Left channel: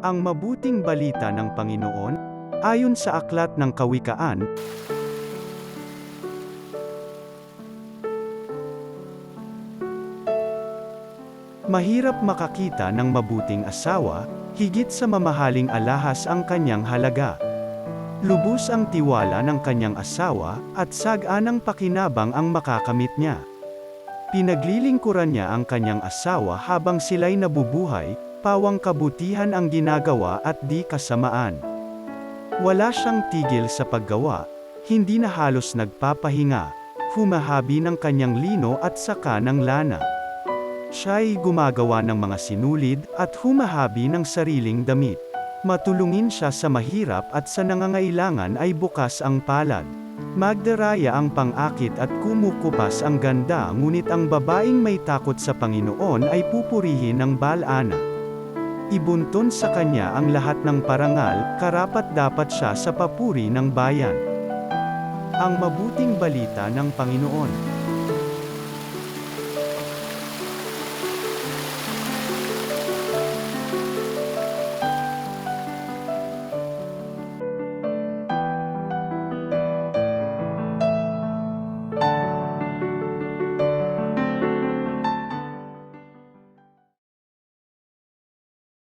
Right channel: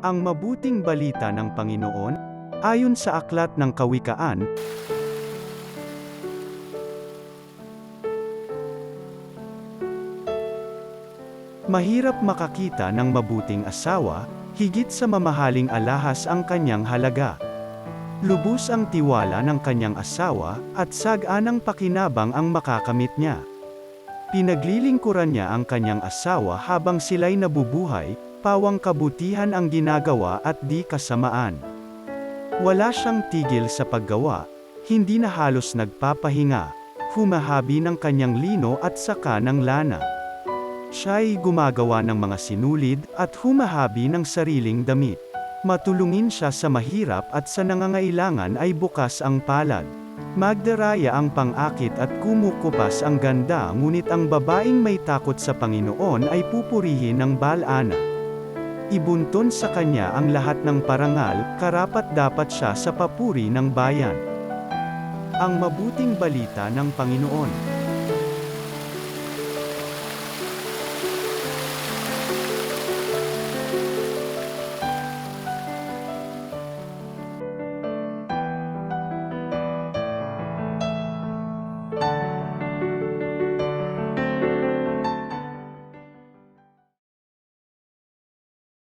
Ang mabuting balita ng Panginoon, ayon sa aklat ng Kawikaan, mahirap makakita ng mabuting asawa, higit sa mamahaling alahas ang kanyang halaga. Lubos ang tiwala ng kanyang asawa, at saganang pakinabang ang makakamit niya. Pinaglilingkuran niya ang kanyang asawa habang sila'y nabubuhay, pawang kabutihan ang ginagawa at di kasamaan. Wala siyang tigil sa paggawa, hindi na halos nagpapahinga, humahabi ng kanyang lino at saka ng lana. Siya'y gumagawa ng mga sinulid, at humahabi ng sariling damit. Matulungin siya sa mahirap at sa nangangailangan ay bukas ang palad. Magdaraya ang pang-akit at kumukupas ang ganda, ngunit ang babaeng may takot sa Panginoon ay pupurihin ng Baal-ana. Ibunton sa kanya ang lahat ng parangal, karapat-dapat siya sa papuri ng bayan. Ang mabuting balita ng Panginoon.